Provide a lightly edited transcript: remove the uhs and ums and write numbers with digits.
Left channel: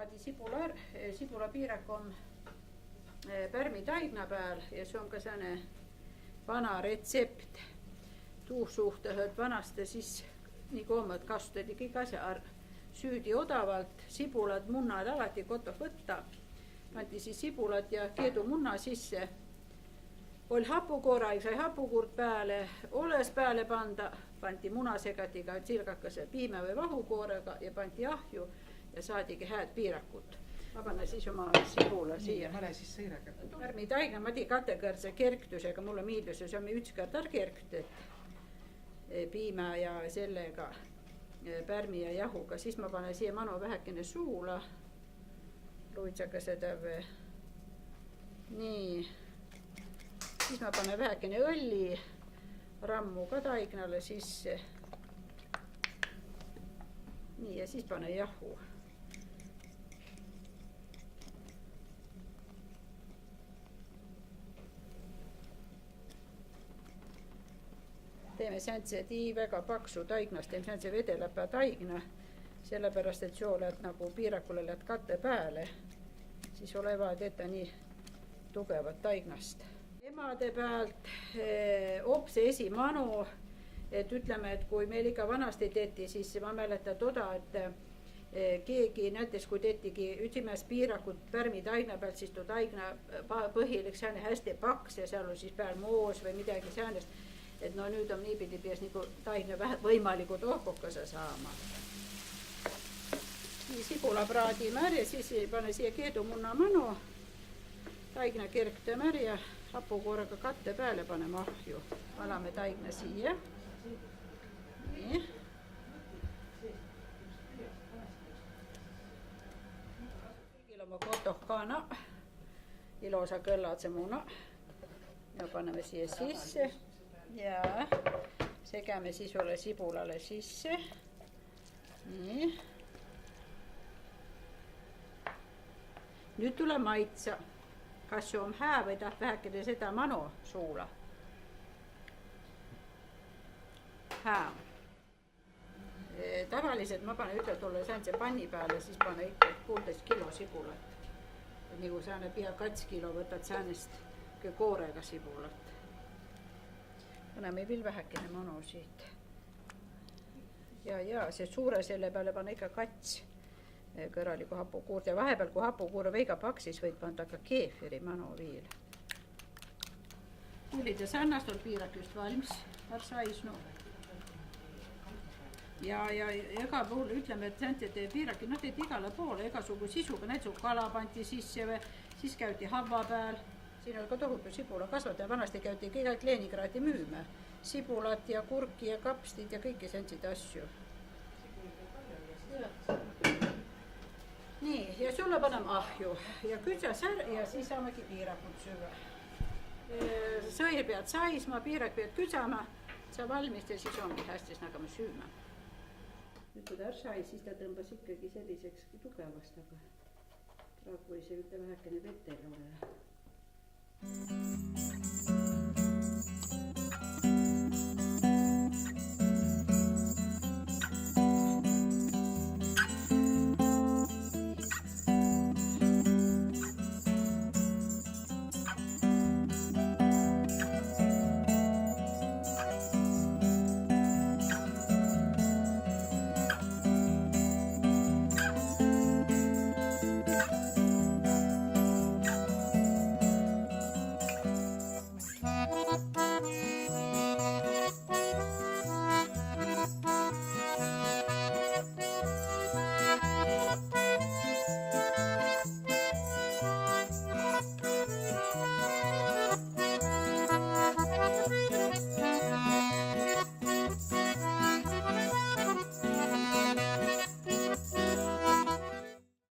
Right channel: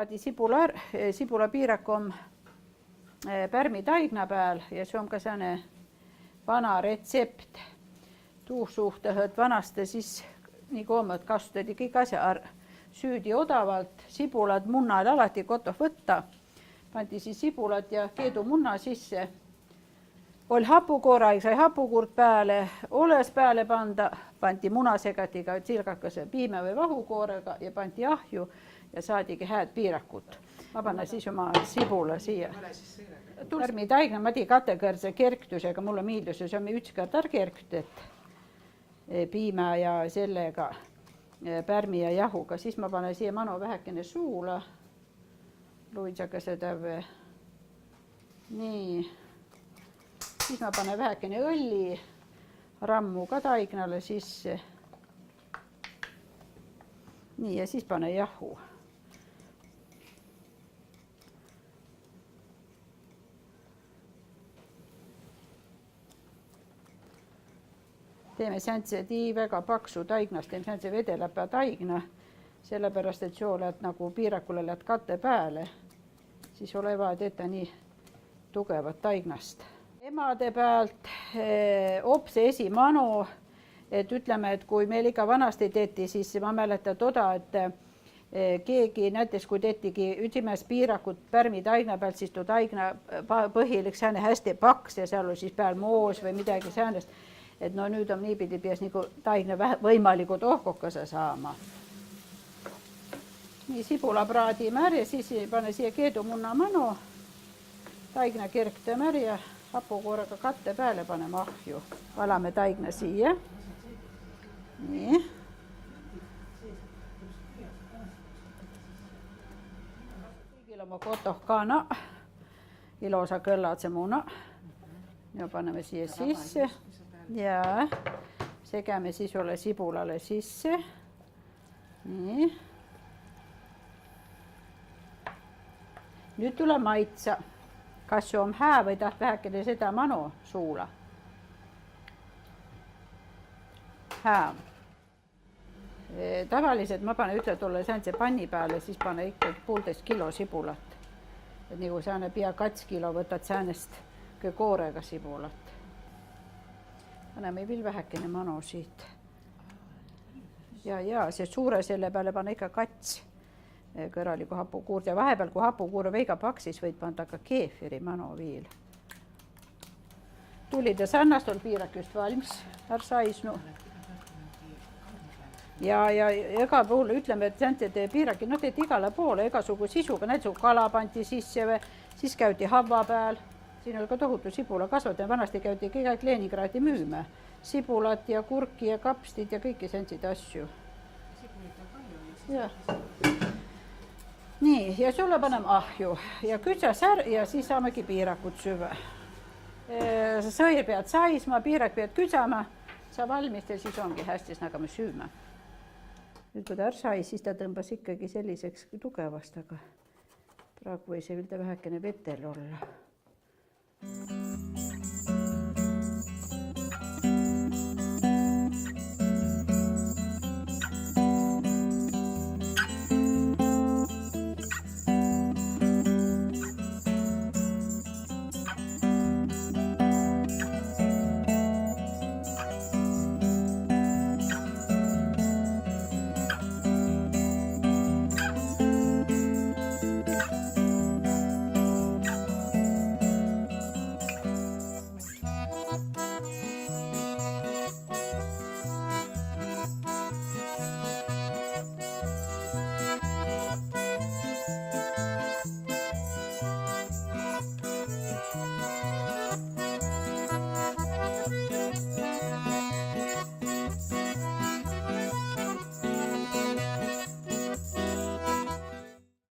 praadi sibulapiirak on pärmi taigna peal ja see on ka selline vana retsept tuu suhtes, et vanasti siis nii koomad kasutati kõik asja süüdi odavalt, sibulad, munnad alati kotoh võtta, pandi siis sibulad ja keedumunna sisse. Oli hapukoora, sai hapukuurt pääle, oles pääle pandi munasegatiga silgakese piime või vahukoorega ja pandi ahju ja saadigi hääd piirakut. Ma panna siis oma sibula siia. Pärmi taigna ma tii katekõrse kerktusega, mulle miildus ja see on ükskord kerktet piima ja sellega pärmi ja jahuga. Siis ma panen siia manu vähekene suula, luidsaga seda või. Nii. Siis ma panen vähekene õlli, rammu ka taignale sisse. Nii ja siis panen jahu. Teeme säntse väga paksu taignast, teeme säntse vedeläpä taigna, sellepärast, et soo lähed nagu piirakule lähed katte pääle, siis ole vaja teeta nii tugevat taignast. Emade pealt opse esimanu, et ütleme, et kui meil ikka vanasti teeti, siis ma mäletan toda, et keegi näiteks kui teetigi ütsimäes piirakut pärmi taigna pealt, siis tuu taigna põhilik sääne hästi paks ja seal oli siis peal moos või midagi säänest. Et no nüüd on niipidi pies nagu taigna võimalikud ohkukase saama. Nii sibula praadime ära ja siis pane siia keedumunna manu, taigna kerktame ära ja hapukoorega katte pääle paneme ahju. Valame taigna siia. Nii. Kõigil oma kotoh kana, ilosa kõllatse muna. Ja paneme siia sisse. Ja segäme siis ole sibulale sisse. Nii. Nüüd tule maitsa. Kas see on hää või taht vähekene seda manu suula? Hää. Tavaliselt ma panen ütle tulle säänse panni peale, siis pane ikka 1,5 kilo sibulat. Et nagu sääne pea 2 kilo võtad säänest koorega sibulat. Paneme veel vähekene manu siit. Ja see suure selle peale pane ikka kats kõraliku hapukuurt ja vahepeal, kui hapukuur on veiga paksis, võid panda ka keefiri manu viil. Tulide sannast on piirak just valmis, saisnu. Ja ega puhul ütleme, et säänti piiraki, no teed igale poole, igasugu sisuga, näiteks kala pandi sisse või siis käidi hava peal. Siin oli ka tohutu sibula kasvataja, vanasti käidi kõik Leningradi müüme. Sibulat ja kurki ja kapstid ja kõiki säntsid asju. Ja. Nii, ja sulle paneme ahju ja kütsa sär ja siis saamegi piirakut süve. Sõi pead saisma, piirak pead kütsama, sa valmist ja siis ongi hästi, siis hakkame süüma. Nüüd kui ta sai, siis ta tõmbas ikkagi selliseks tugevast, aga praegu võis see vähekene vetel olla.